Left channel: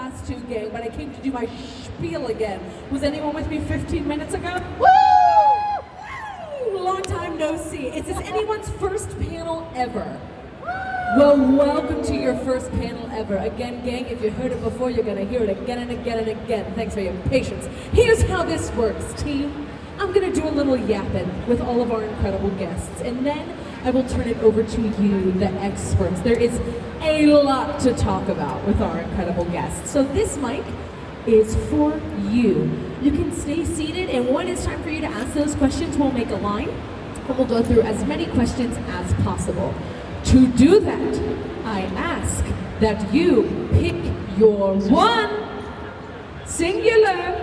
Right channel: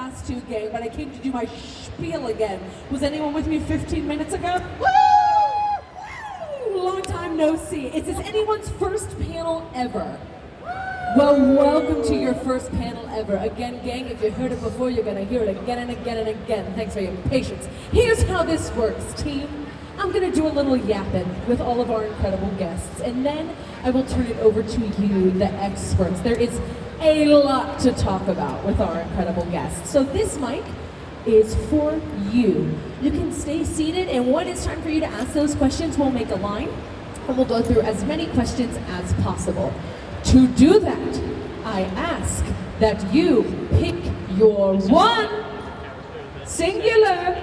last two, gang, but I came to do my spiel again. Was anyone with me 15 minutes ago? Woo! Woo! Long time no see. Is this anyone's first panel ever? Well, welcome to your first panel ever. Again, gang, if you heard it before, you're gonna hear it again and again and again. Thanks for your patience. Here's how this works, team. I'm gonna do a little yapping with all of our incredible guests, and then I will turn it over to you, the experts. There is a lot to talk about with our incredible guests. So this mic is for you. You can stay seated, and when it's time for you to ask those questions, we'll make a line, and we'll go through as many questions as possible. To do that, I ask that you pick your one singular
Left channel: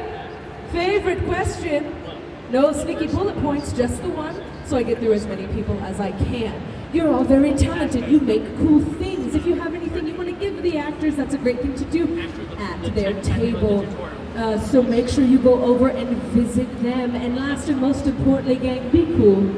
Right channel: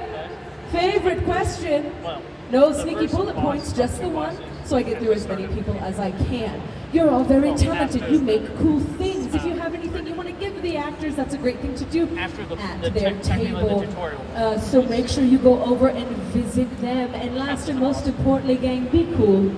favorite question. No sneaky bullet points, just the one, so I get through as many people as I can. You're all very talented. You make cool things. If you have anything you want to give the actors, that's a great thing to do at their table. So make sure you go over and visit them. And last and most importantly, gang, be cool.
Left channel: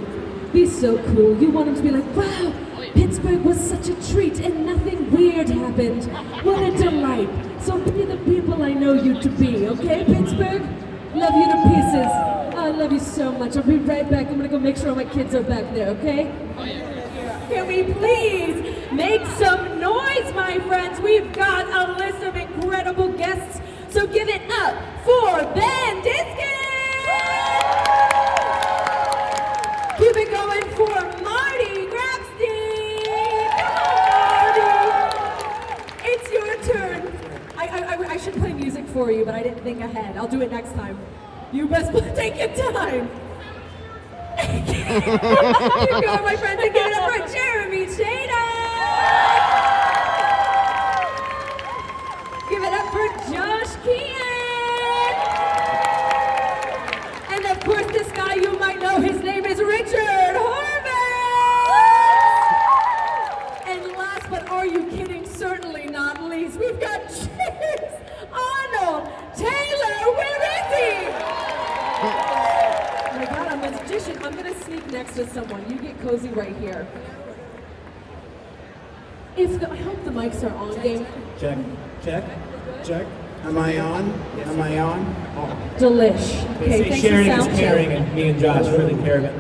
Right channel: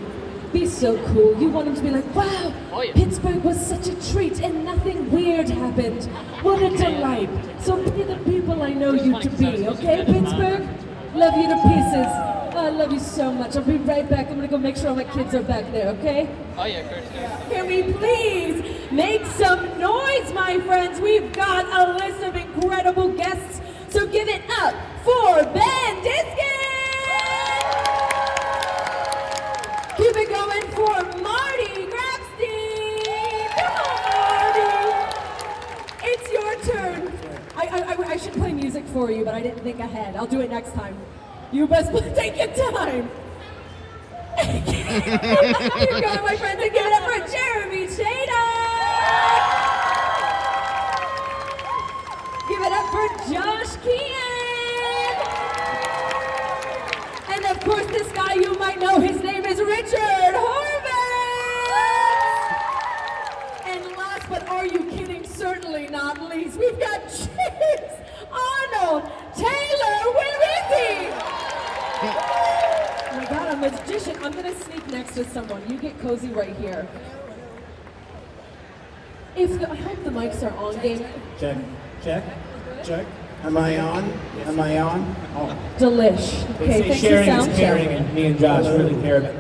Be so cool. You want them to be like, wow, Pittsburgh was such a treat and nothing weird happened. What a delight. So be the people I know you to be, okay, Pittsburgh? Love you to pieces. I love you so much. I'll be right back. I'm gonna go make sure all my kids are back there, okay? Oh yeah. Can we please make some noise, my friends? We've got a list of incredible guests, so give it up for Ben Diskin! Keep it going for Marty Grabstein! Come on, Marty! It's your turn. I should play music for you, but I didn't think ahead. I'll do it next time. You best take your time. You got my friends, and give it up for Jeremy SHADA! Give it up for Josh Keaton! And of course, this guy you might know, his name is Richard HORVITZ! And last, but are you kidding? Certainly not least, we've got ARNOLD! Taylor, where is he? Oh my God, I'm a magician. I'm gonna sneak next to someone. You get cozy right here. I hope the mics are on, game. Check, check, check. Am I on? Am I on? Oh. Delish. They say sharing is caring, and me and Josh really care of it.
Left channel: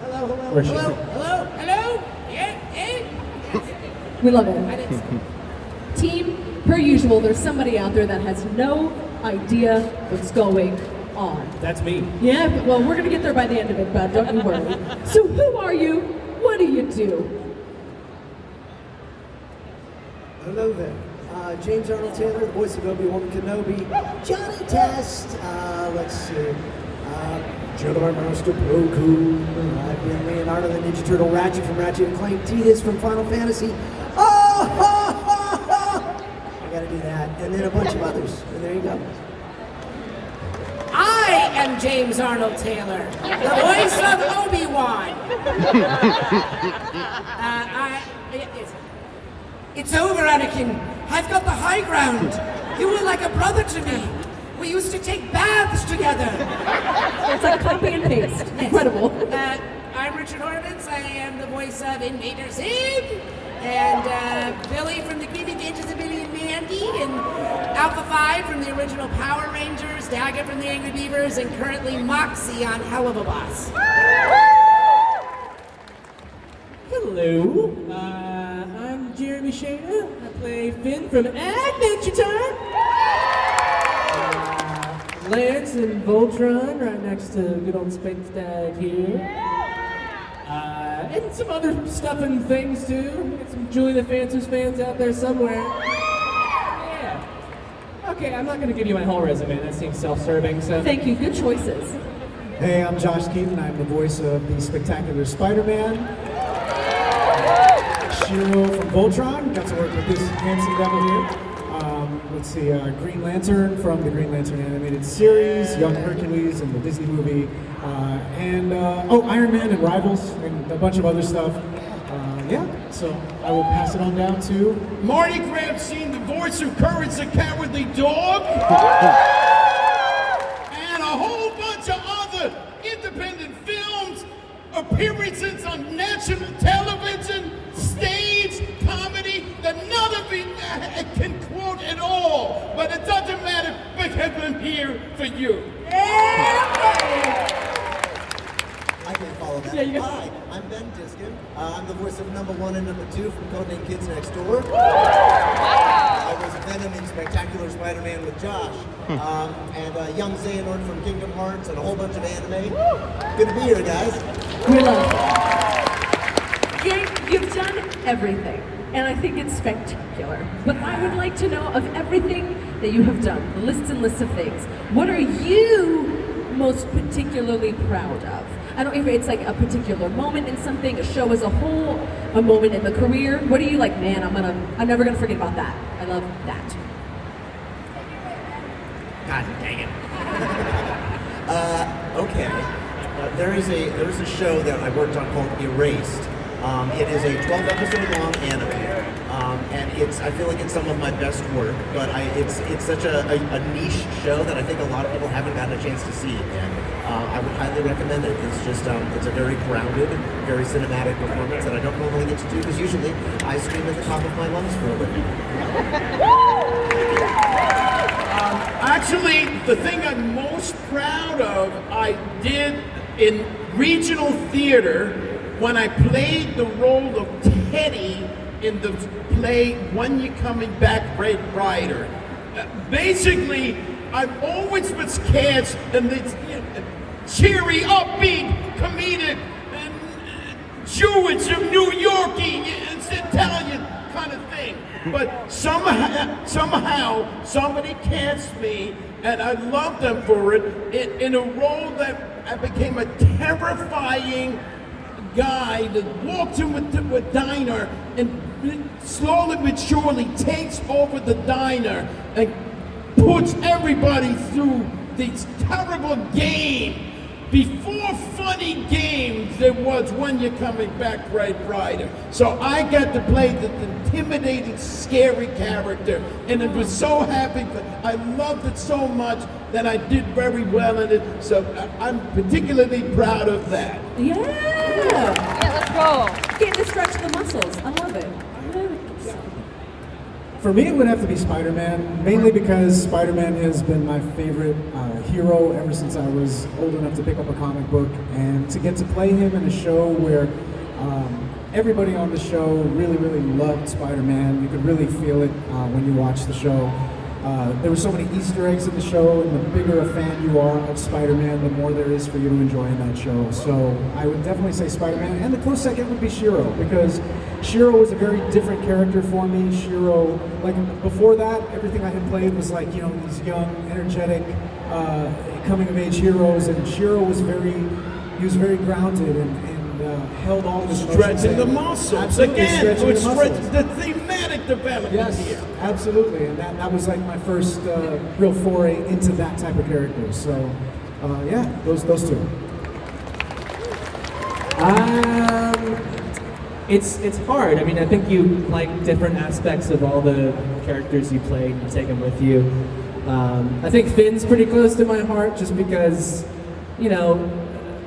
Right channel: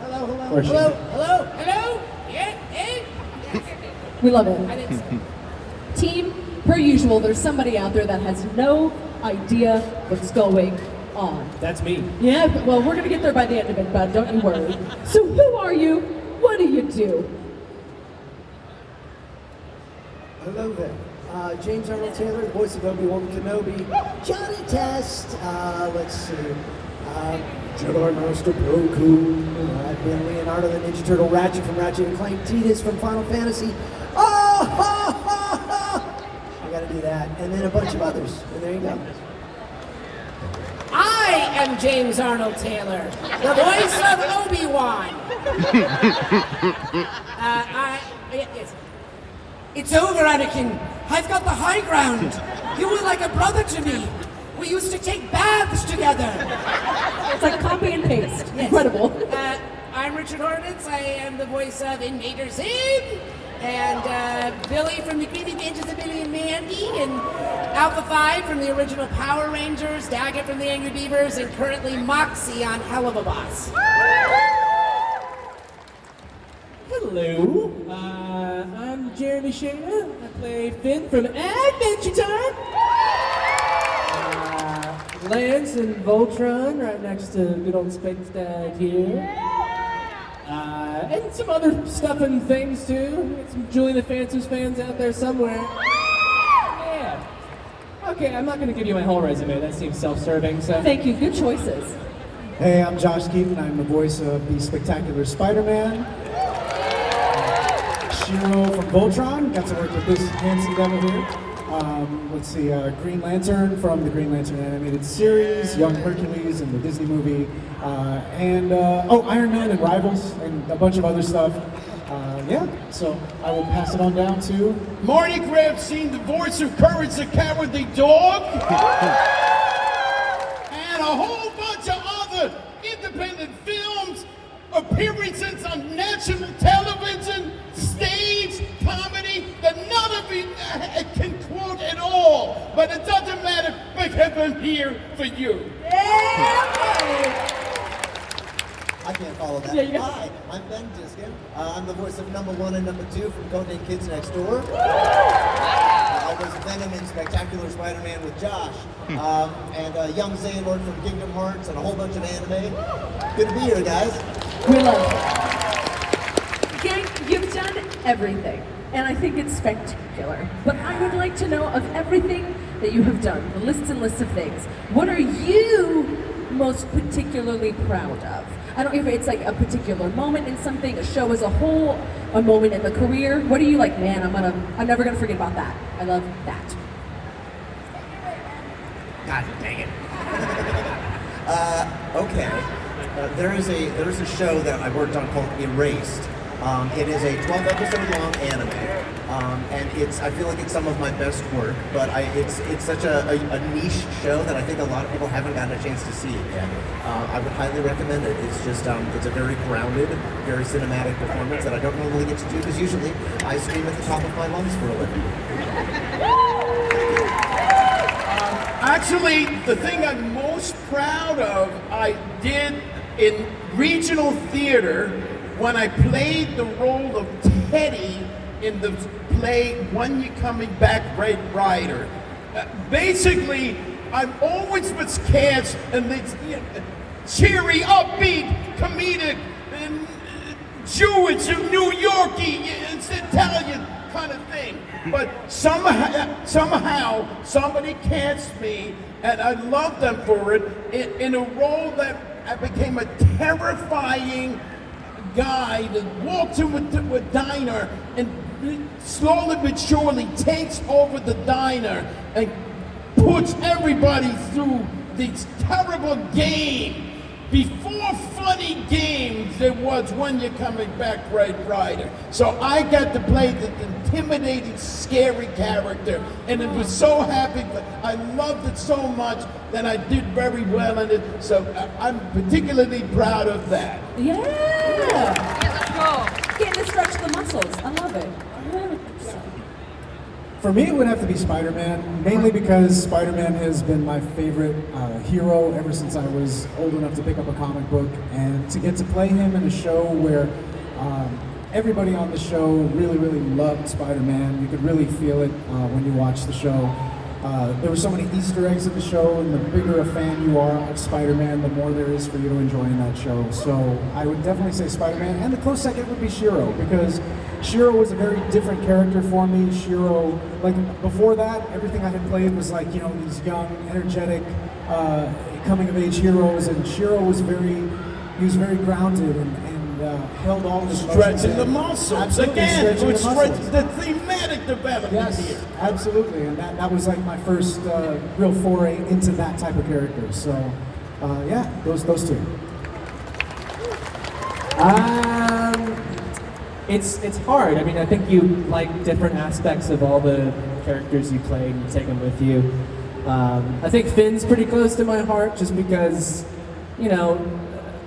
Hello, hello, hello, hello, hello. Yeah, hey. We love it. Team, per usual, there's somebody out there that has no idea what's going on. That's me. Yeah, well, we're gonna get there by the end of it, bud, don't you worry. So who are you? What do you do? Hello there. James Arnold Taylor, the voice of Obi-Wan Kenobi. Johnny Test. Let's see. Jedi Master Plo Koon. I've been Leonardo the Ninja Turtle, Ratchet from Ratchet and Clank, Tidus from Final Fantasy. Oh, ha, ha, ha. I gotta do that. And then a bunch of others. And there you go. I am James Arnold Taylor, the voice of Obi-Wan. It's over, Anakin. I've got the high ground. You were like a brother to me. We used to take baths together. It's like copy and paste. Incredible. I'm Richard HORVITZ. I am the voice of Invader Zim, and Billy from the Creepy Adventures of Billy and Mandy, and Alpha 5 from the original Power Rangers, Daggett from the Angry Beavers, and currently Moxie on Hell of a Boss. Hello, I'm Jeremy SHADA. I play Finn from Adventure Time. Lance and Voltron right next to good old Space Dad here. And some other stuff and things too. Get some Julie the Phantom's fans out there somewhere. Yeah. Okay, I'm not going to give you my whole resume. That seems self-serving. So Thank you. Good choices. Hey, I'm Josh Keaton. I'm the voice of the Spectacular Spider-Man. Shiro from Voltron. Got to work with this handsome devil here. Let's see, Green Lantern from the Green Lantern animated series, Young Hercules in the Disney movie, Iron Man and Rivals, and a bunch of other stuff. Yeah, so I will pass it on down to Marty Grabstein, the voice of Courage the Cowardly Dog, and a whole bunch of other independent films, appearances on national television, stage, comedy, that none of you can quote at all. but it doesn't matter because I'm here for you. I can't follow that. Yeah, you got- Hi, I'm Ben Diskin. I'm the voice of number 1 and number 2 from Codename Kids Next Door. I was Venom in Spectacular Spider-Man with Josh, and young Xehanort from Kingdom Hearts, and a whole bunch of anime. Good to be here, guys. We love it. Gang, you've done everything, and I think it's spectacular. But I would like to know, of everything that you have done, the lists and lists of things, what are you most particularly proud of? I don't know if it's like a particular moment in something, a show as a whole, a moment in the career. What are you like, man, I'm never gonna forget about that. I love that. God dang it. Okay. There is a show that I worked on called Erased. It is a 12-episode long anime, and I feel like it's some of my best work. But it's such a niche show that I think a lot of people haven't gotten a chance to see it yet. I would highly recommend it. It's just it's a very grounded, very cinematic performance that I don't normally get to do because usually I scream at the top of my lungs for a living. Actually, the thing I'm most proud of, I did in regional theater when I played the role of Teddy in the play When You're Coming Back, Red Rider. Basically, I've always was cast in this cheery, upbeat, comedic, Jewish, New Yorkie, it's Italian kind of thing. But somehow somebody cast me, and I love them for it, in a role that I became a terrifying guy that walks into a diner and slowly but surely takes over the diner and puts everybody through this terrible game. Before funny games, there was When You're Coming Back, Red Rider. So I got to play the intimidating, scary character, and it was so happy. I loved it so much that I did very well in it. So I'm particularly proud of that. Yeah! Getting to stretch the muscles. I love it. For me, it would have to be Spider-Man, mainly because Spider-Man has been my favorite hero ever since I was old enough to pick up a comic book, and to get to play him in a show where everybody on the show really, really loved Spider-Man. You could really feel it when you watch the show. There were so many Easter eggs in the show, and the bigger a fan you are of Spider-Man, the more there is for you to enjoy in that show. So I would definitely say Spider-Man, and the close second would be Shiro, because Shiro was a very different character for me. Shiro, like before that, everything I had played was like, these young, energetic, coming-of-age heroes, and Shiro was very grounded and held all this Stretching the muscles. Absolutely, Again, stretching which the muscles. stretches the thematic development Yes, here. absolutely, and that was like my first real foray into that type of character. So, yeah, those two. It's hard. I mean, I think you like different aspects of all the characters you play and you take them with you. I think Finn's pretty close to my heart just because,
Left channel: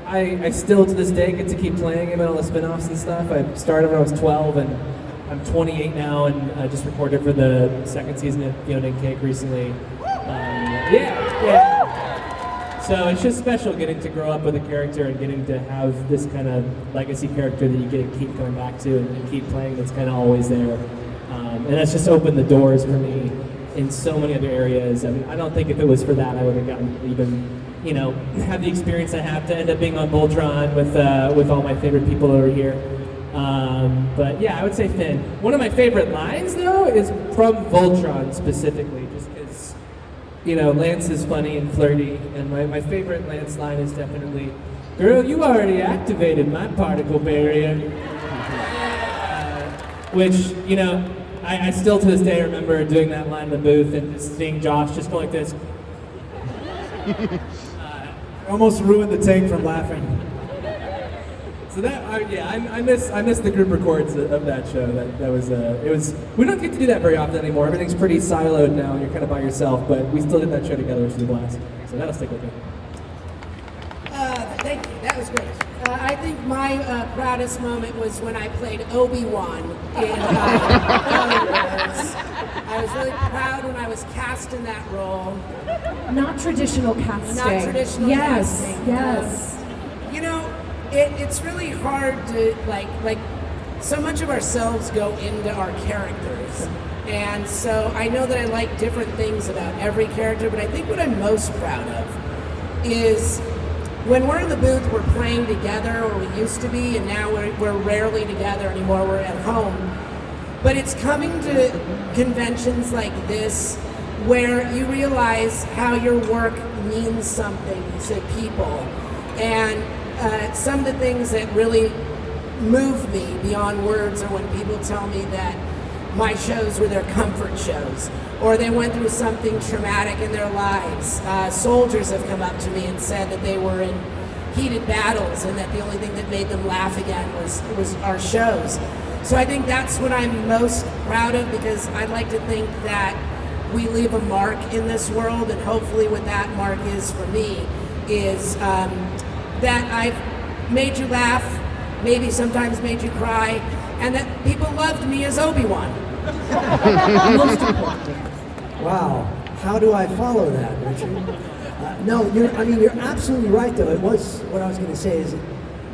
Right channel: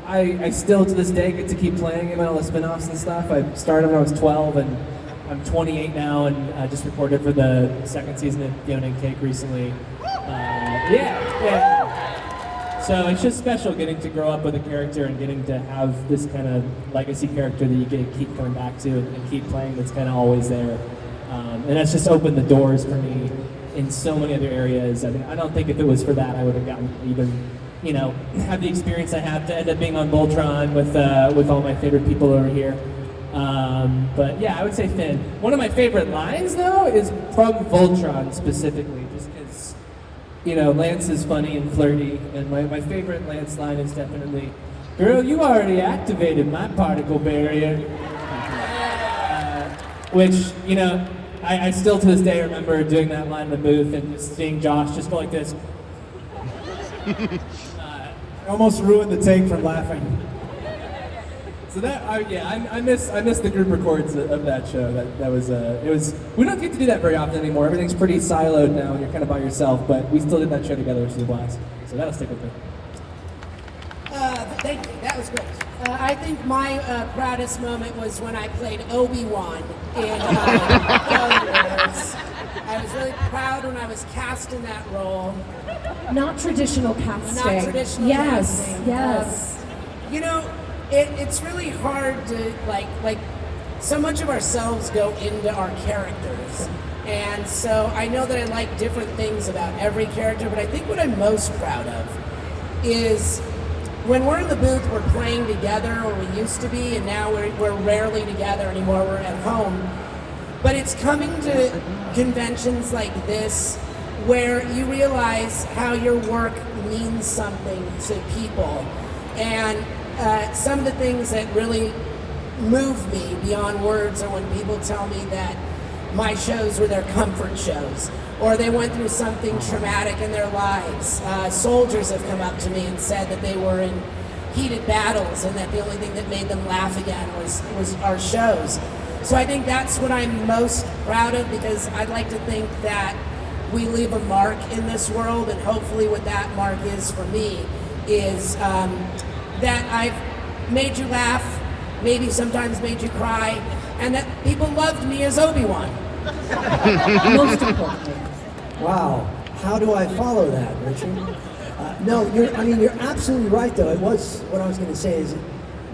I still to this day get to keep playing him in all the spin-offs and stuff. I started when I was 12 and I'm 28 now, and I just recorded for the second season of Fiona and Cake recently. Yeah. So it's just special getting to grow up with a character and getting to have this kind of legacy character that you get to keep coming back to and keep playing that's kind of always there. And it's just opened the doors for me in so many other areas. I mean, I don't think if it was for that, I would have gotten even, have the experience I have to end up being on Voltron with all my favorite people over here. But yeah, I would say Finn. One of my favorite lines, though, is from Voltron specifically, just because, Lance is funny and flirty, and my favorite Lance line is definitely, "Girl, you already activated my particle barrier." Which, I still to this day remember doing that line in the booth and just seeing Josh just going like this. Almost ruined the take from laughing. So that, I miss the group records of that show. That was it was. We don't get to do that very often anymore. Everything's pretty siloed now, and you're kind of by yourself. But we still did that show together, which was a blast. So that'll stick with me. Thank you. That was great. I think my proudest moment was when I played Obi-Wan in Star Wars. I was really proud when I was cast in that role. Not traditional casting. Not traditional yes, casting. Yes. You know, it's really hard to, like, so much of ourselves go into our characters. And so I know that I like different things about every character, but I think what I'm most proud of is when we're in the booth, we're playing together, or we used to be, and now we're rarely together anymore, we're at home. But it's coming to conventions like this where you realize how your work means something to people. And some of the things that really move me beyond words are when people tell me that my shows were their comfort shows, or they went through something traumatic in their lives. Soldiers have come up to me and said that they were in heated battles and that the only thing that made them laugh again was our shows. So I think that's what I'm most proud of, because I'd like to think that we leave a mark in this world, and hopefully what that mark is for me is that I've made you laugh, maybe sometimes made you cry, and that people loved me as Obi-Wan. Most importantly. Wow, how do I follow that, Richard? No, you're absolutely right, though. It was, what I was going to say is,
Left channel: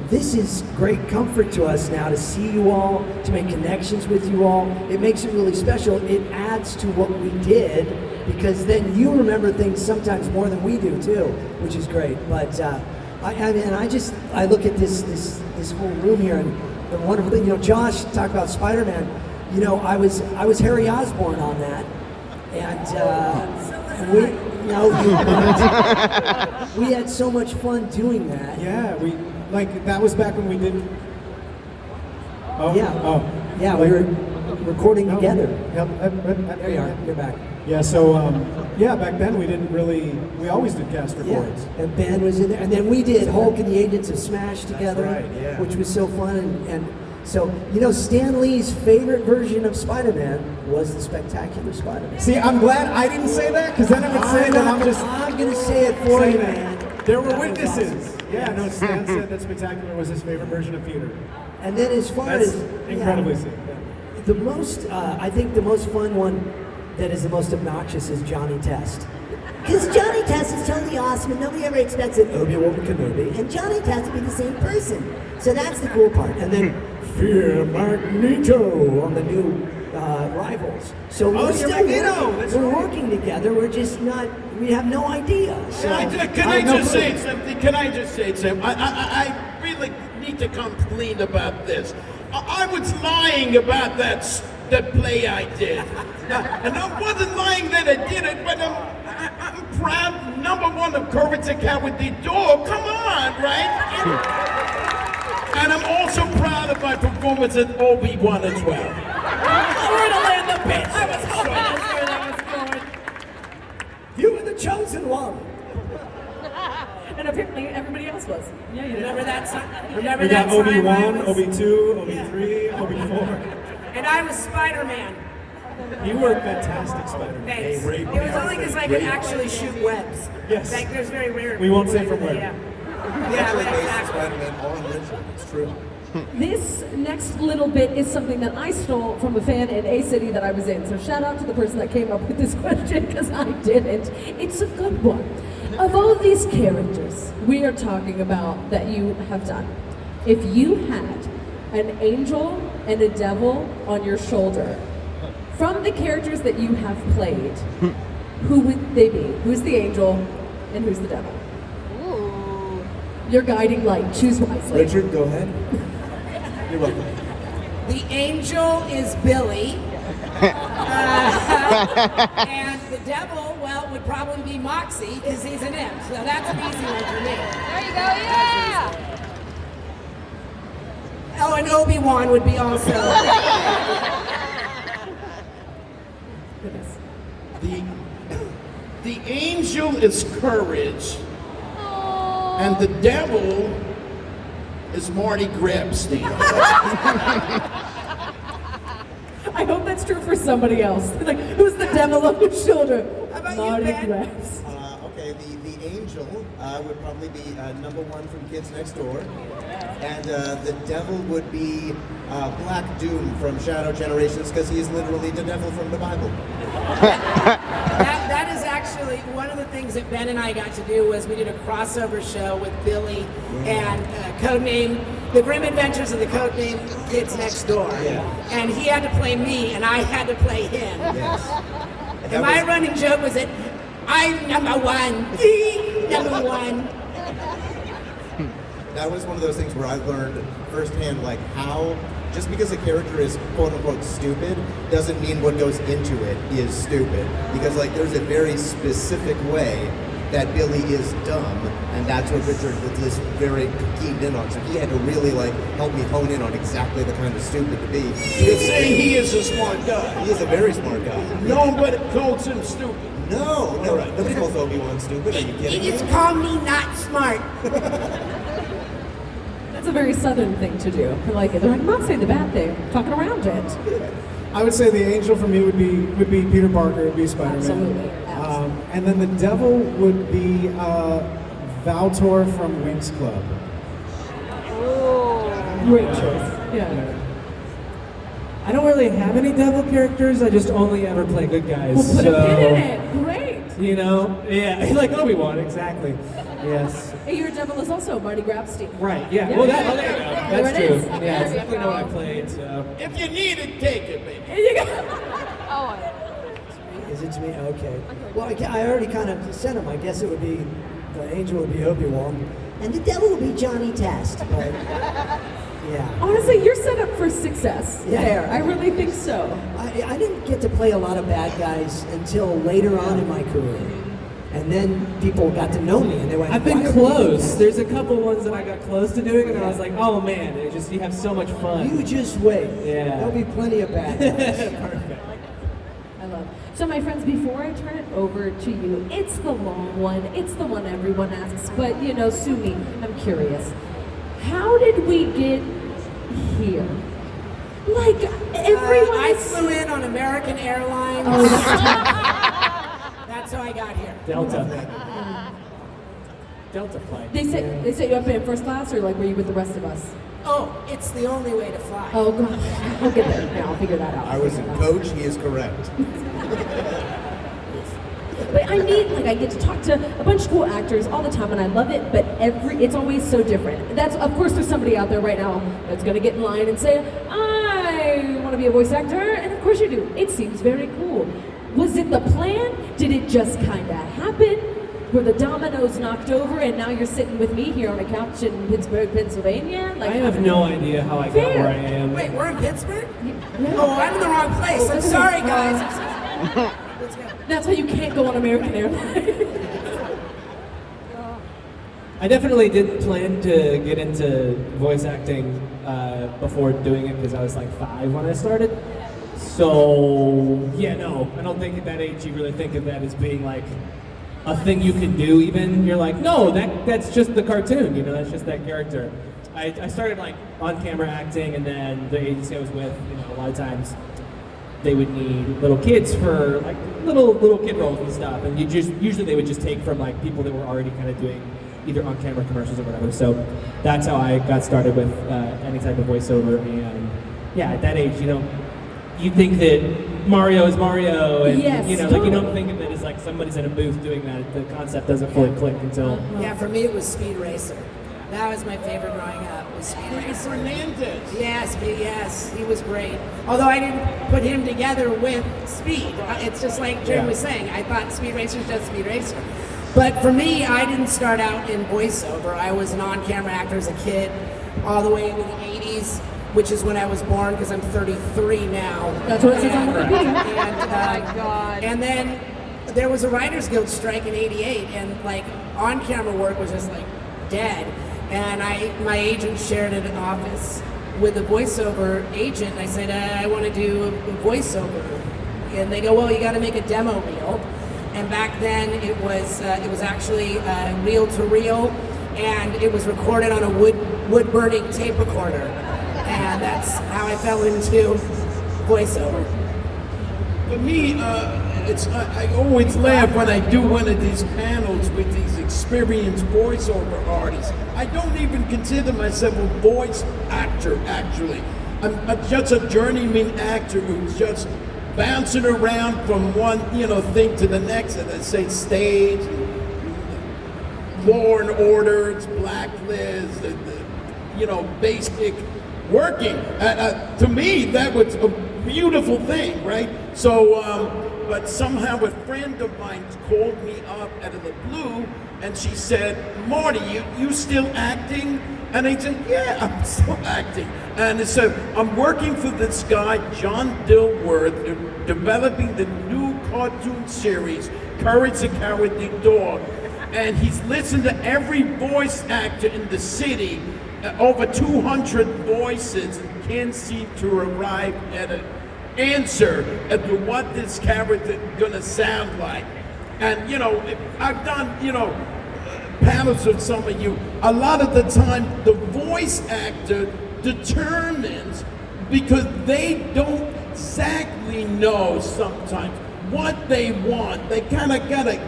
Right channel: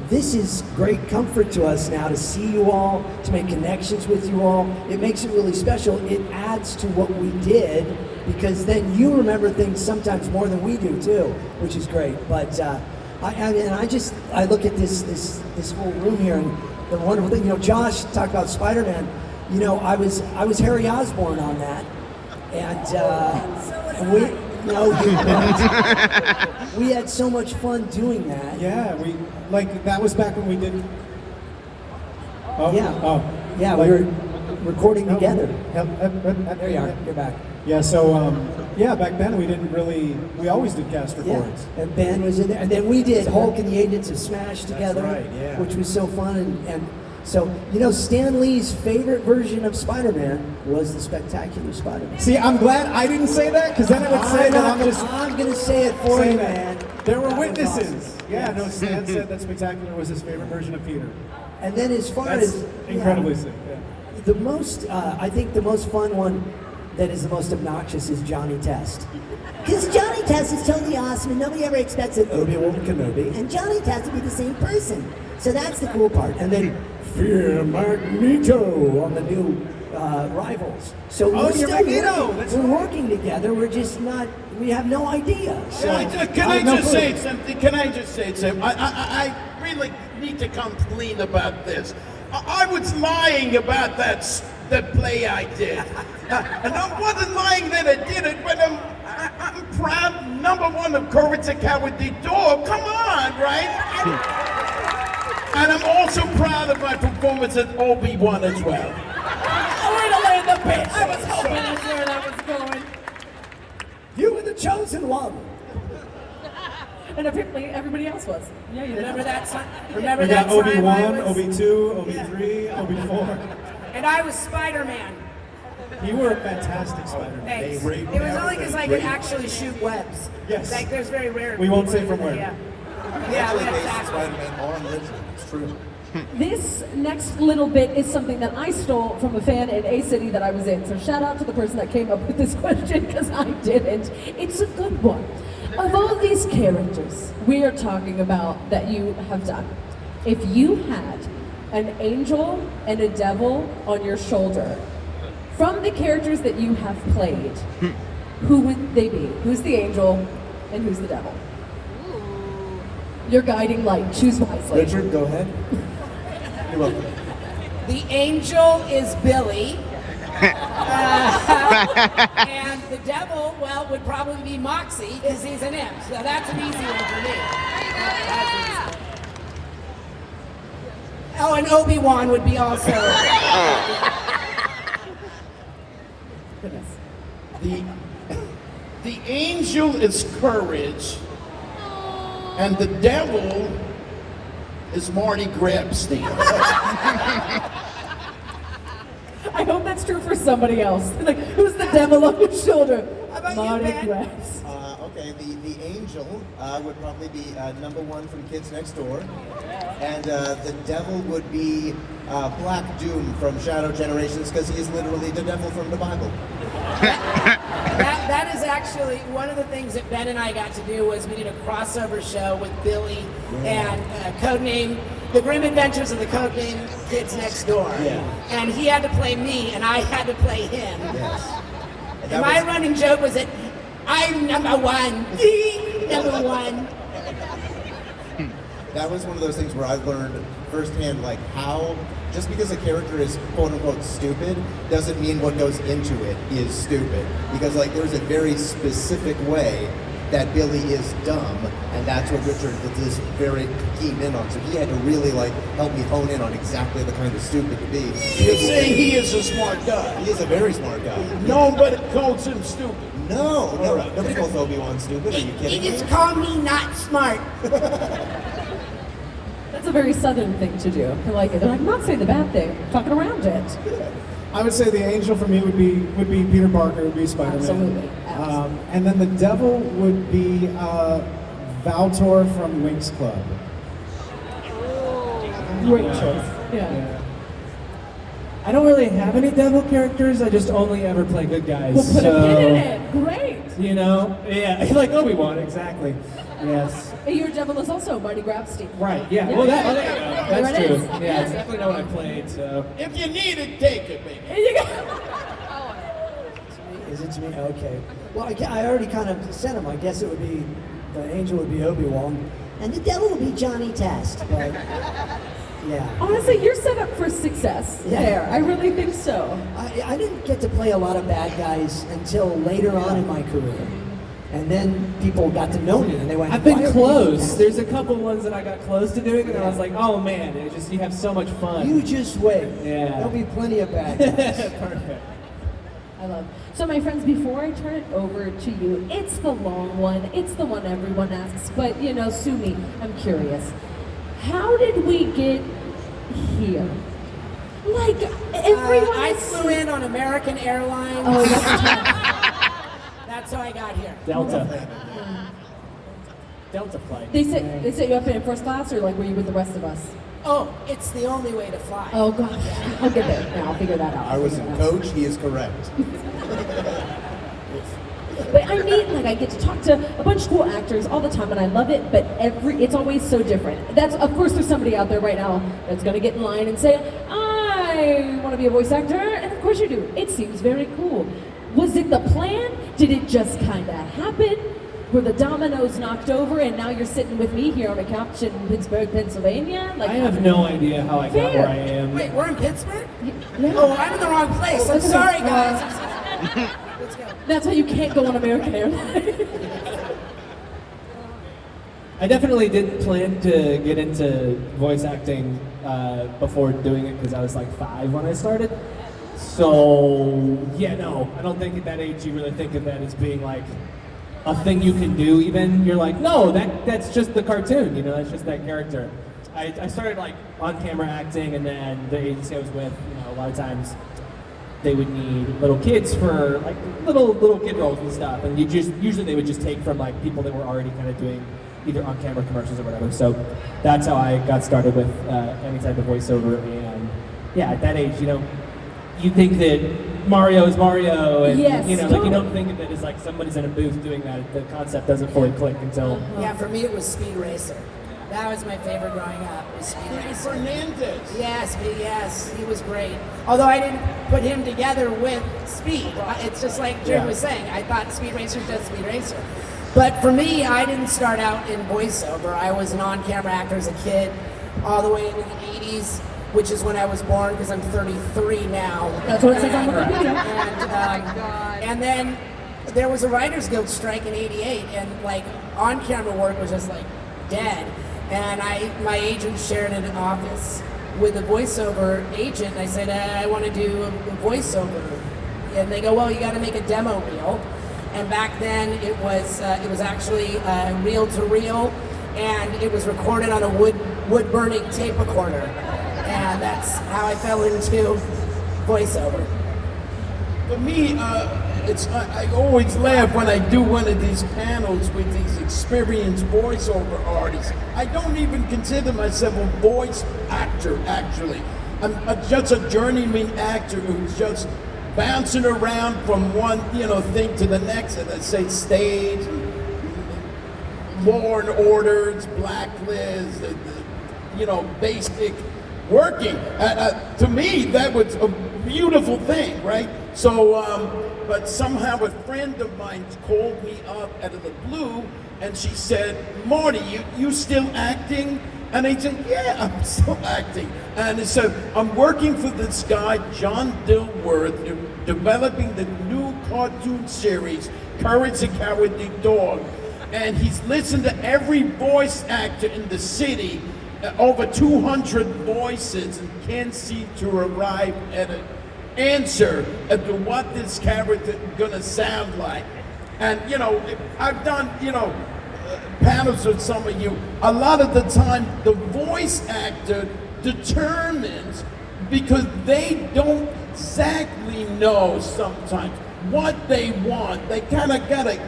this is great comfort to us now to see you all, to make connections with you all. It makes it really special. It adds to what we did, because then you remember things sometimes more than we do too, which is great. But I look at this whole room here, and the wonderful thing. You know, Josh talked about Spider-Man. You know, I was Harry Osborn on that, and we, you know, we had so much fun doing that. Yeah, that was back when we did. Oh, Yeah. Oh. Yeah, Like- we were recording together. There you are. You're back. Yeah, so back then we always did cast Yeah, records. and Ben was in there, and then we did Hulk and the Agents of Smash together, right, yeah. which was so fun. And so, you know, Stan Lee's favorite version of Spider-Man was the Spectacular Spider-Man. See, I'm glad I didn't say that, because then I would say that I'm gonna say it for say you, that. man. There were That was witnesses. awesome. Yeah, no, Stan said that Spectacular was his favorite version of Peter. And then as far That's as incredibly sick. Yeah. the most, I think the most fun one that is the most obnoxious is Johnny Test. Because Johnny Test is totally awesome, and nobody ever expects that Obi-Wan Kenobi and Johnny Test to be the same person. So that's the cool part. And then Fear Magneto on the new Rivals. So we're you're still Magneto, working. that's We're right. working together. We're just not. We have no idea. So Can I just say something? Can I just say something? I really need to come clean about this. I was lying about that play I did. And I wasn't lying that I did it, but I'm proud, #1 of Courage the Cowardly Dog. Come on, right? And I'm also proud of my performance as Obi-Wan as well. Where to land the pitch? I was hoping that's where that was going. you were the chosen one. And apparently everybody else was. Yeah, you remember that song? Remember We that got time I Obi-1, was- Obi-2, Obi-3, Obi-4. And I was Spider-Man. You were a fantastic Spider-Man. Thanks. raped It was me. only because I could actually shoot webs. Yes. Like, there's very rare. We won't say people from that- where. Yeah. Yeah, exactly. Spider-Man on Richard. It's true. This next little bit is something that I stole from a fan in a city that I was in. So shout out to the person that came up with this question, because I didn't. It's a good one. Of all these characters we are talking about that you have done, if you had an angel and a devil on your shoulder, from the characters that you have played, who would they be? Who's the angel and who's the devil? Your guiding light. Choose wisely. Richard, go ahead. You're welcome. The angel is Billy. And the devil, well, would probably be Moxie, because he's an imp. So that's an easy one for me. That's easy. Oh, and Obi-Wan would be also. The angel is Courage, and the devil is Marty GRABSTEIN. I hope that's true for somebody else. Like, who's the devil on your shoulder? How about you, Marty Ben? Grabs. Okay. Okay, the angel would probably be number 1 from Kids Next Door. And the devil would be Black Doom from Shadow Generations, because he is literally the devil from the Bible. That is actually one of the things that Ben and I got to do was we did a crossover show with Billy and codename The Grim Adventures of the Codename Kids Next Door. Yeah. And he had to play me and I had to play him. Yes. And my running joke was that I'm number 1, the number 1. That was one of those things where I learned firsthand, like, how just because a character is quote-unquote stupid doesn't mean what goes into it is stupid. Because, like, there's a very specific way that Billy is dumb, and that's what Richard is very keyed in on. So he had to really, like, help me hone in on exactly the kind of stupid to be. You say he is a smart guy. He is a very smart guy. Nobody calls him stupid. No, nobody calls Obi-Wan stupid. Are you kidding me? Just call me not smart. That's a very Southern thing to do. They're like, I'm not saying the bad thing, I'm talking around it. I would say the angel for me would be Peter Parker, would be Spider-Man. Absolutely. And then the devil would be Valtor from Winx Club. Great choice. Yeah. I don't really have any devil characters. I just only ever play good guys. We'll put so, a pin in it. Great. You know, yeah, like Obi-Wan, exactly. Yes. Hey, your devil is also Marty Grabstein. Right. Yeah. Yeah. Well, that's There it true. is. Yeah, There I it definitely know what I played. So. If you need it, take it, baby. There you go. Is it to me? Okay. Well, I already kind of said him. I guess it would be, the angel would be Obi-Wan, and the devil would be Johnny Test. But yeah. Honestly, you're set up for success there. I really think so. I didn't get to play a lot of bad guys until later on in my career. And then people got to know me and they went, I've been "Why are you close. doing There's a couple ones that I got close to doing, and I was like, oh man, it's just you have so much that?" fun. You just wait. Yeah. There'll be plenty of bad guys. Perfect. I love. So my friends, before I turn it over to you, it's the long one. It's the one everyone asks. But you know, sue me. I'm curious. How did we get here? Like everyone. I is- flew in on American Airlines. Oh, that's That's how I got here. Delta. Delta flight. They set you up in first class, or like were you with the rest of us? Oh, it's the only way to fly. Oh gosh, I'll get there. Now I'll figure that out. I was a coach, he is correct. But I mean, like, I get to talk to a bunch of cool actors all the time, and I love it. But it's always so different. That's, of course, there's somebody out there right now that's gonna get in line and say, "I want to be a voice actor," and of course you do. It seems very cool. Was it the plan? Did it just kind of happen? Were the dominoes knocked over, and now you're sitting with me here on a couch in Pittsburgh, Pennsylvania? Like, I have no idea how I got Fair. where I am. Wait, we're in Pittsburgh? Yeah. Oh, I'm in the wrong place. I'm that's sorry, okay. guys. Let's go. That's why you can't go on American Airlines. I definitely did plan to get into voice acting before doing it because I was like 5 when I started. So, yeah, no, I don't think at that age you really think of that as being like a thing you can do even. You're like, no, that's just the cartoon, you know, that's just that character. I started like on-camera acting, and then the agency I was with, you know, a lot of times they would need little kids for like little kid roles and stuff, and usually they would just take from like people that were already kind of doing either on-camera commercials or whatever. So that's how I got started with any type of voiceover. And yeah, at that age, you know, you think that Mario is Mario, and Yes, you know, like you totally. don't think of it as like somebody's in a booth doing that. The concept doesn't fully click until. Yeah, for me it was Speed Racer. That was my favorite growing up, was Speed Racer. Fernandez. Yes, he was great. Although I didn't put him together with Speed. It's just like Jim was saying, I thought Speed Racer is just Speed Racer. But for me, I didn't start out in voiceover. I was an on-camera actor as a kid, all the way into the 80s, which is when I was born, because I'm 33 now. That's what it says on Wikipedia. And then there was a Writers Guild strike in '88, and like on-camera work was just like dead. And my agent shared an office with a voiceover agent, and I said, I want to do a voiceover. And they go, well, you got to make a demo reel. And back then it was actually reel to reel, and it was recorded on a wood burning tape recorder. And that's how I fell into voiceover. For me, I always laugh when I do one of these panels with these experienced voiceover artists. I don't even consider myself a voice actor, actually. I'm just a journeyman actor who's just bouncing around from one, thing to the next, and I say stage, Law and Order, it's Blacklist, basic working. To me, that was a beautiful thing, right? So, but somehow a friend of mine called me up out of the blue, and she said, "Marty, you still acting?" And I said, "Yeah, I'm still acting." And I said, "I'm working for this guy, John Dilworth, developing the new cartoon series, Courage the Cowardly Dog." And he's listened to every voice actor in the city, over 200 voices, and can't seem to arrive at an answer as to what this character is gonna sound like. And I've done panels with some of you. A lot of the time, the voice actor determines, because they don't exactly know sometimes what they want. They kind of got an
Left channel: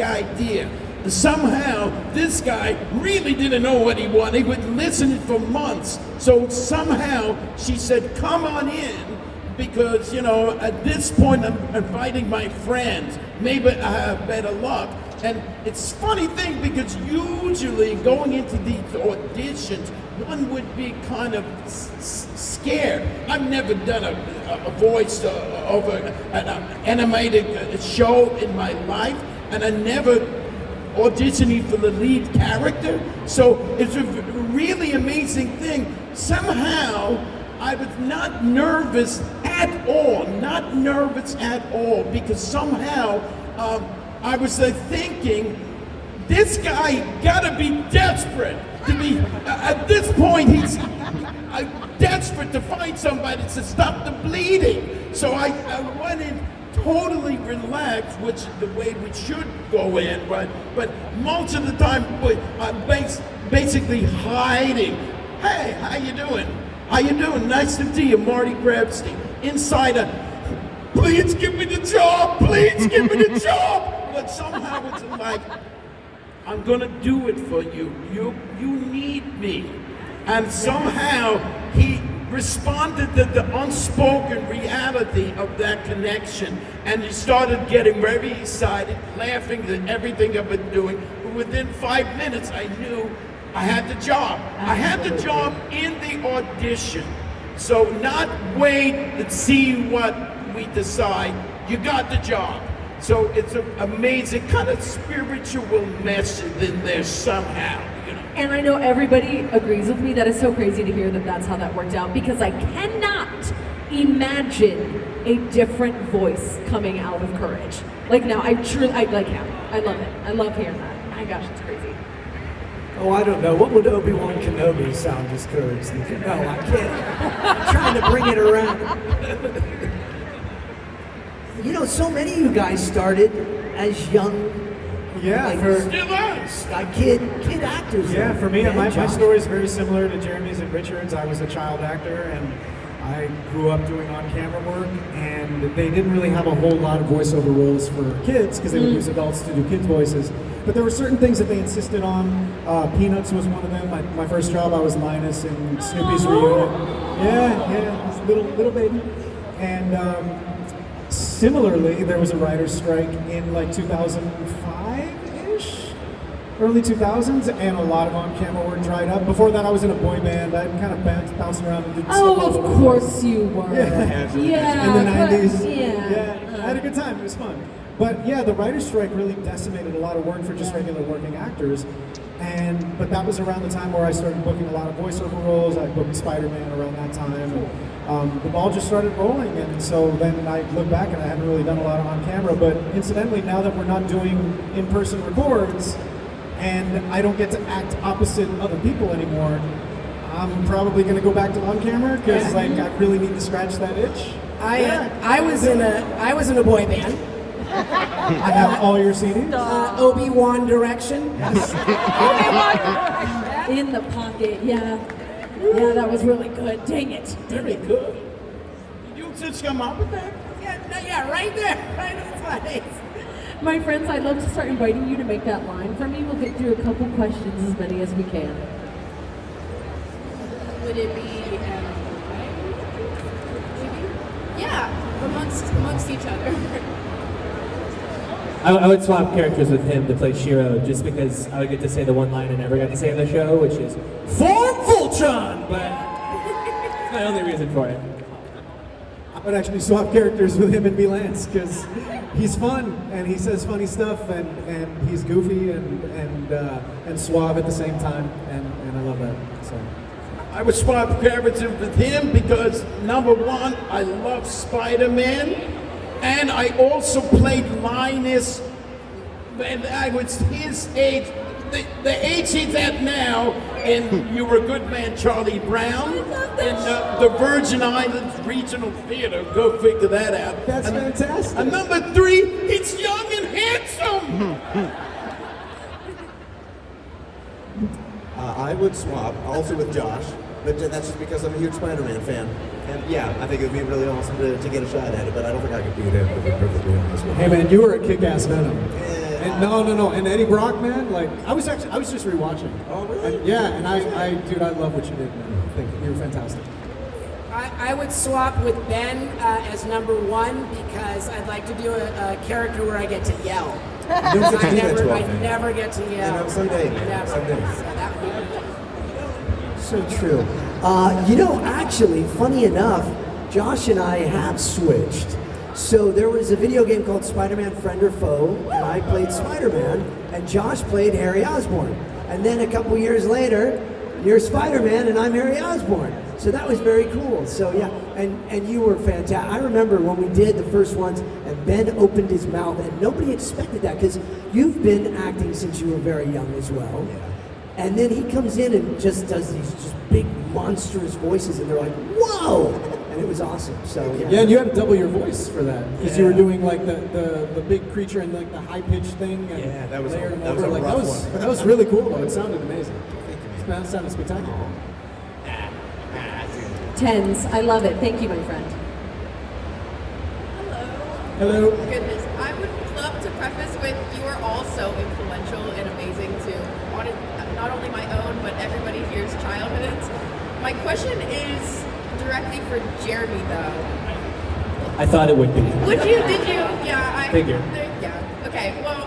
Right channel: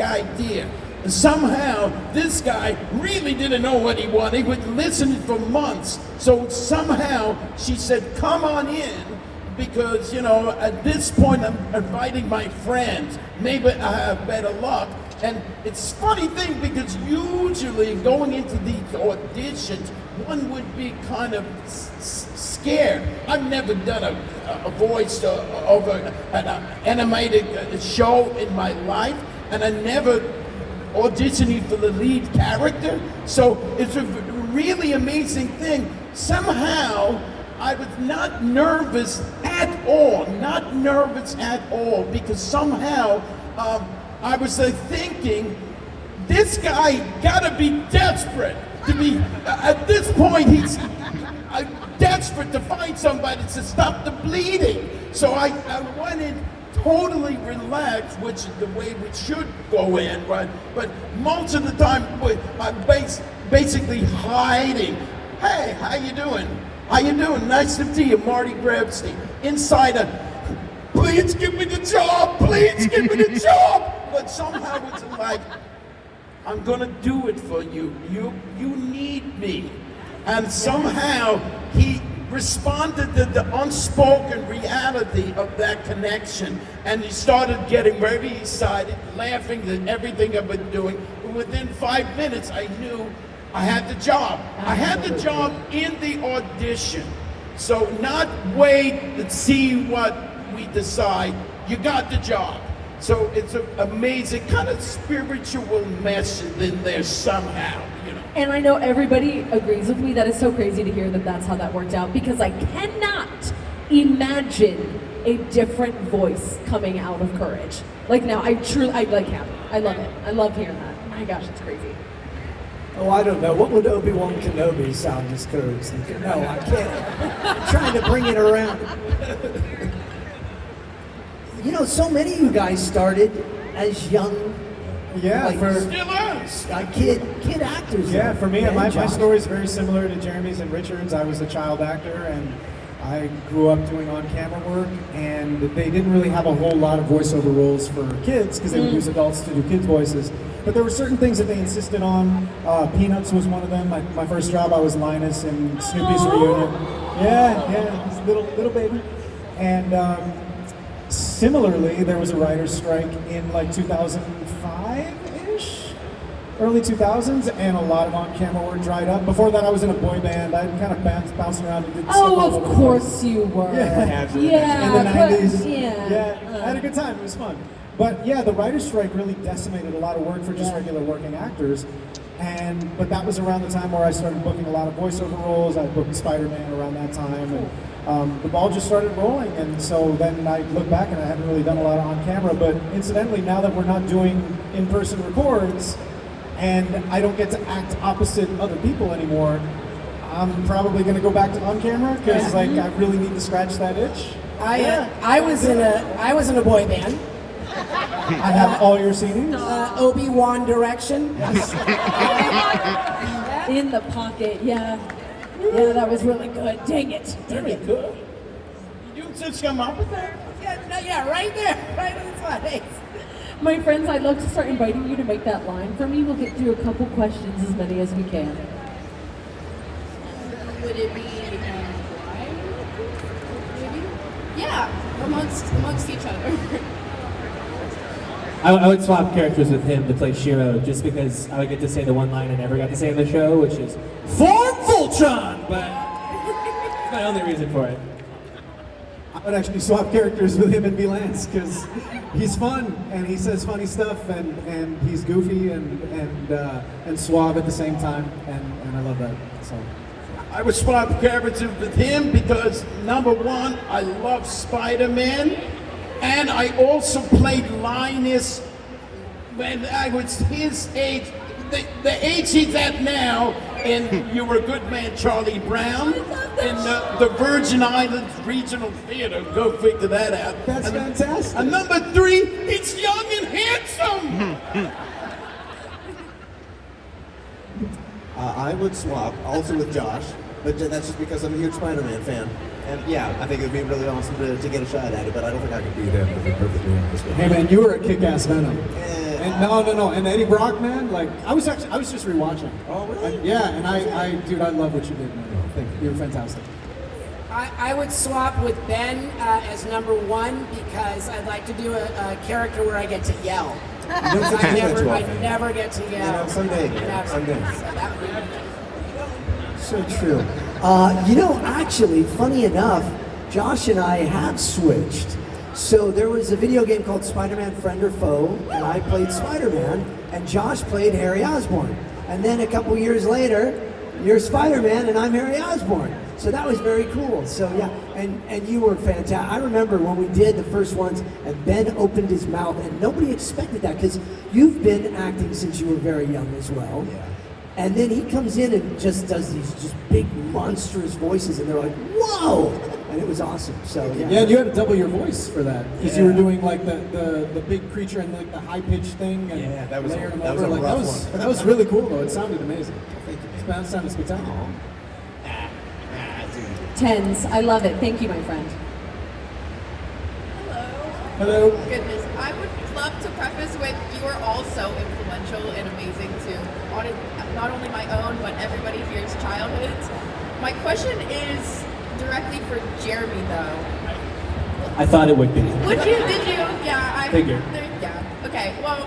idea. Somehow, this guy really didn't know what he wanted. He would listen for months. So somehow, she said, "Come on in, because, at this point, I'm inviting my friends. Maybe I have better luck." And it's a funny thing, because usually going into these auditions, one would be kind of scared. I've never done a voice over an animated show in my life, and I never auditioning for the lead character. So it's a really amazing thing. Somehow, I was not nervous at all, because somehow I was thinking, this guy gotta be desperate to be, at this point he's desperate to find somebody to stop the bleeding. So I went in totally relaxed, which is the way we should go in, right? But most of the time, I'm basically hiding. "Hey, how you doing? How you doing? Nice to see you, Marty GRABSTEIN." Inside "Please give me the job, please give me the job." But somehow it's like, "I'm gonna do it for you. You need me." And somehow he responded to the unspoken reality of that connection, and he started getting very excited, laughing at everything I've been doing. Within 5 minutes, I knew I had the job. I had the job in the audition. So not wait and see what we decide. You got the job. So it's an amazing kind of spiritual message in there somehow. And I know everybody agrees with me. That is so crazy to hear that that's how that worked out, because I cannot imagine a different voice coming out of Courage. Like now, I like him. I love it. I love hearing that. My gosh, it's crazy. Oh, I don't know. What would Obi-Wan Kenobi sound as Courage? No, I can't. I'm trying to bring it around. So many of you guys started as young, kid actors. Yeah, for me, my story is very similar to Jeremy's and Richard's. I was a child actor, and I grew up doing on-camera work, and they didn't really have a whole lot of voiceover roles for kids, because they would use adults to do kids' voices. But there were certain things that they insisted on. Peanuts was one of them. My first job, I was Linus in Snoopy's reunion. Yeah, little baby. And similarly, there was a writer's strike in like 2005-ish, early 2000s, and a lot of on-camera work dried up. Before that, I was in a boy band. I kind of bounced around and did stuff. Oh, of course you were. Yeah. Yeah. In the 90s. Yeah. I had a good time. It was fun. But yeah, the writer's strike really decimated a lot of work for just regular working actors. But that was around the time where I started booking a lot of voiceover roles. I booked Spider-Man around that time, and the ball just started rolling. And so then I look back and I haven't really done a lot on camera. But incidentally, now that we're not doing in-person records, and I don't get to act opposite other people anymore, I'm probably going to go back to on camera, because I really need to scratch that itch. I was in a boy band. I have all your CDs. Obi-Wan Direction. In the pocket, yeah. Yeah, that was really good. Dang it. Very good. You just come up with that? Yeah, right there, right on the side. My friends, I'd love to start inviting you to make that line for me. We'll get through a couple questions, as many as we can. Would it be maybe? Yeah, amongst each other. I would swap characters with him to play Shiro just because I would get to say the one line I never got to say in the show, which is "Form Voltron!" But that's my only reason for it. I would actually swap characters with him and be Lance because he's fun and he says funny stuff and he's goofy and suave at the same time and I love that. So I would swap characters with him because number one, I love Spider-Man, and I also played Linus when I was his age, the age he's at now in You're a Good Man, Charlie Brown, in the Virgin Islands Regional Theater. Go figure that out. that's fantastic. And number three, he's young and handsome. I would swap also with Josh, but that's just because I'm a huge Spider-Man fan. And yeah, I think it would be really awesome to get a shot at it, but I don't think I could beat him to be perfectly honest with you. Hey man, you were a kick-ass Venom. Yeah. And no, and Eddie Brock, man, like I was just rewatching. Oh, really? And, yeah, and dude, I love what you did, man. Thank you. You're fantastic. I would swap with Ben as number one because I'd like to do a character where I get to yell. You don't get to do that too I often. never get to yell. You know, someday. Someday. That would be So true. Actually, funny enough, Josh and I have switched. So there was a video game called Spider-Man Friend or Foe, and I played Spider-Man, and Josh played Harry Osborn. And then a couple years later, you're Spider-Man and I'm Harry Osborn. So that was very cool. So yeah, and you were fantastic. I remember when we did the first ones, and Ben opened his mouth, and nobody expected that because you've been acting since you were very young as well. Yeah. And then he comes in and just does these just big monstrous voices, and they're like, "Whoa!" And it was awesome. So Yeah, and you had to double your voice for that because you were doing like the big creature and like the high pitched thing. And Yeah, that was layered a- them that was over. a Like rough that one. was really cool though. It sounded amazing. Thank you. That sounded spectacular. Tens, I love it. Thank you, my friend. Hello. Goodness, I would love to preface with you are all so influential and amazing to not only my own but everybody here's childhoods. My question is directly for Jeremy though. I thought it would be. Would you? Did you? Yeah, I Figure. Yeah. Okay. Well,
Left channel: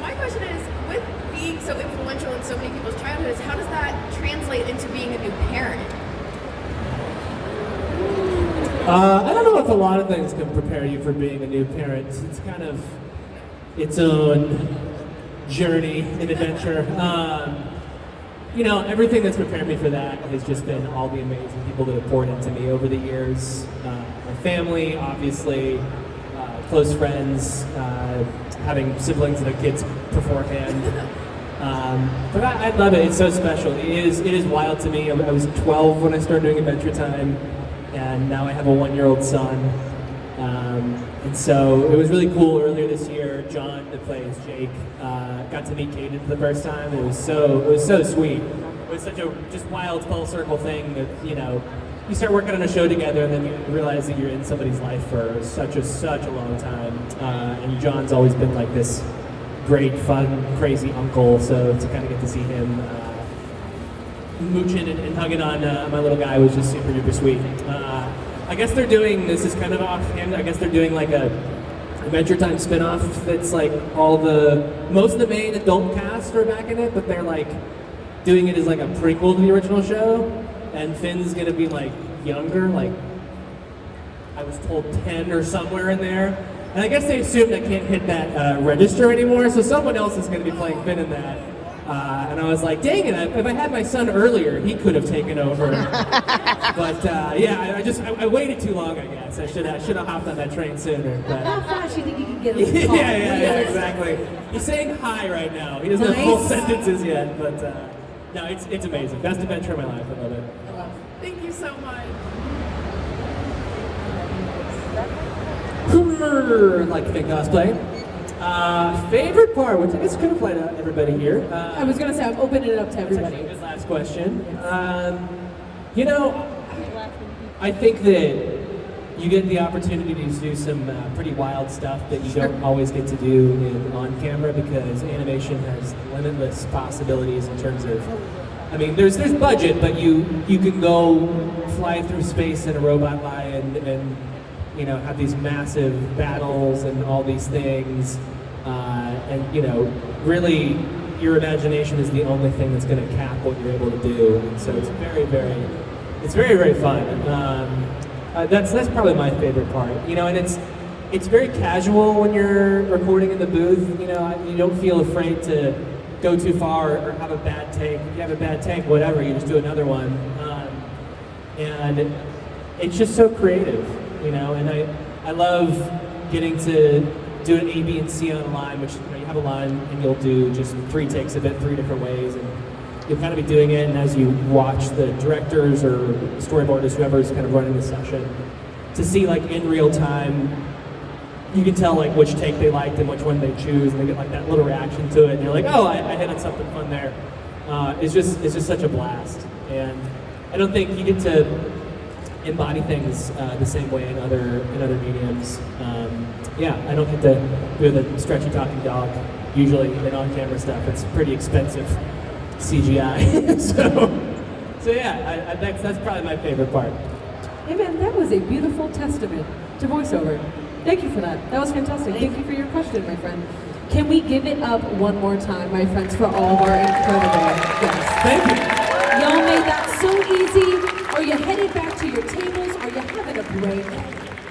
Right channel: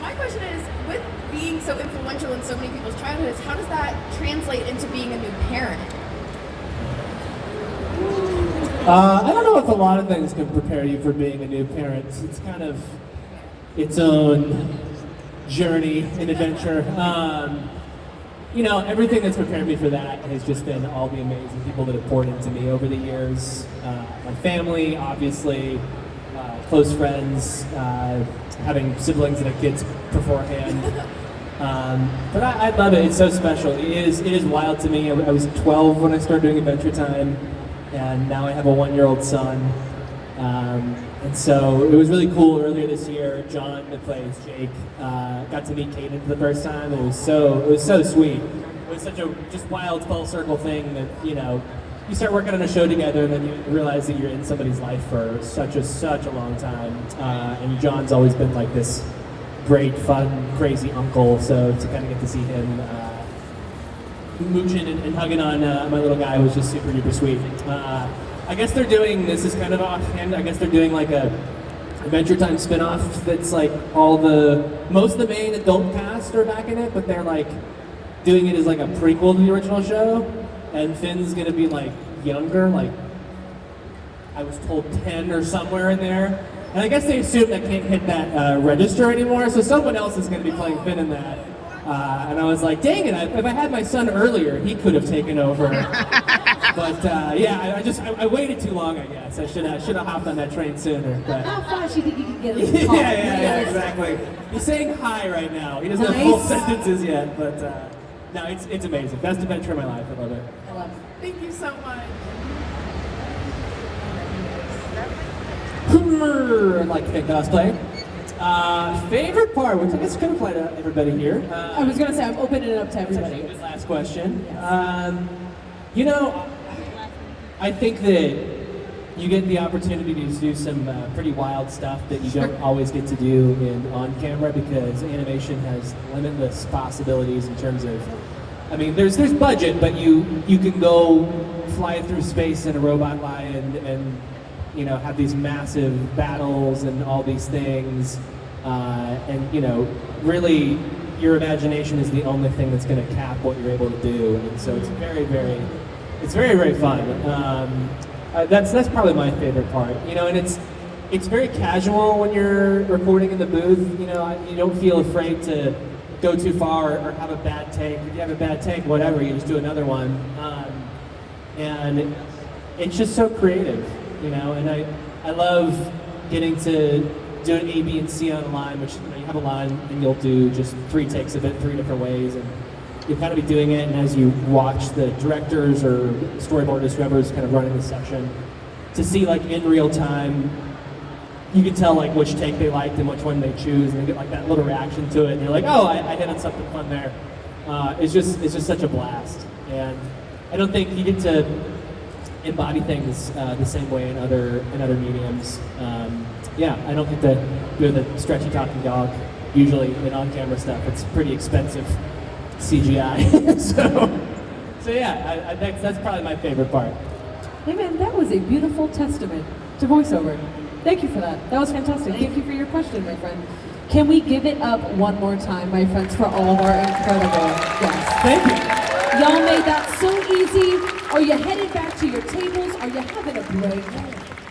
my question is, with being so influential in so many people's childhoods, how does that translate into being a new parent? I don't know if a lot of things can prepare you for being a new parent. It's kind of its own journey and adventure. Everything that's prepared me for that has just been all the amazing people that have poured into me over the years. My family, obviously, close friends, having siblings that have kids beforehand. But I love it. It's so special. It is wild to me. I was 12 when I started doing Adventure Time, and now I have a 1-year-old son. And so it was really cool. Earlier this year, John, that plays Jake, got to meet KEATON for the first time. It was so sweet. It was such a just wild full circle thing that you start working on a show together, and then you realize that you're in somebody's life for such a long time. And John's always been like this great, fun, crazy uncle. So to kind of get to see him mooching and hugging on my little guy was just super duper sweet. I guess they're doing, this is kind of offhand, I guess they're doing like a Adventure Time spinoff that's like most of the main adult cast are back in it, but they're like doing it as like a prequel to the original show, and Finn's gonna be like younger, like I was told 10 or somewhere in there. And I guess they assumed I can't hit that register anymore, so someone else is gonna be playing Finn in that. And I was like, dang it, if I had my son earlier, he could have taken over. But I waited too long, I guess. I should have hopped on that train sooner. But How fast do you think you can get him to talk? yeah, exactly. He's saying hi right now. He doesn't have full Nice. sentences yet, but no, it's amazing. Best adventure of my life. I love it. I love it. Thank you so much. I'd like to thank cosplay. Favorite part, which I guess could apply to everybody here. I was going to say, I'm opening it up to everybody. Good last question. I think that, you get the opportunity to do some pretty wild stuff that you don't always get to do on camera because animation has limitless possibilities in terms of, I mean, there's budget, but you can go fly through space in a robot lion and you know, have these massive battles and all these things, and you know, really your imagination is the only thing that's going to cap what you're able to do, and so it's very, very fun. That's probably my favorite part, you know, and it's very casual when you're recording in the booth. You know, you don't feel afraid to go too far or have a bad take. If you have a bad take, whatever, you just do another one, and it's just so creative, you know. And I love getting to do an A, B, and C on a line, which, you know, you have a line and you'll do just 3 takes of it 3 different ways, and you'll kind of be doing it, and as you watch the directors or storyboarders, whoever's kind of running the section, to see like in real time, you can tell like which take they liked and which one they choose, and they get like that little reaction to it, and you're like, oh, I hit on something fun there. It's just such a blast, and I don't think you get to embody things the same way in other mediums. Yeah, I don't get to do the stretchy talking dog. Usually in on-camera stuff, it's pretty expensive CGI. so yeah, that's probably my favorite part. Hey man, that was a beautiful testament to voiceover. Thank you for that. That was fantastic. Thank you for your question, my friend. Can we give it up one more time, my friends, for all of our incredible guests? Thank you. Y'all made that so easy. Are you headed back to your tables? Are you having a break?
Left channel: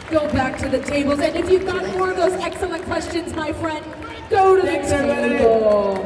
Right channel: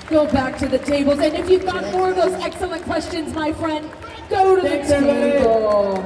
Go back to the tables. And if you've got more of those excellent questions, my friend, go to the table.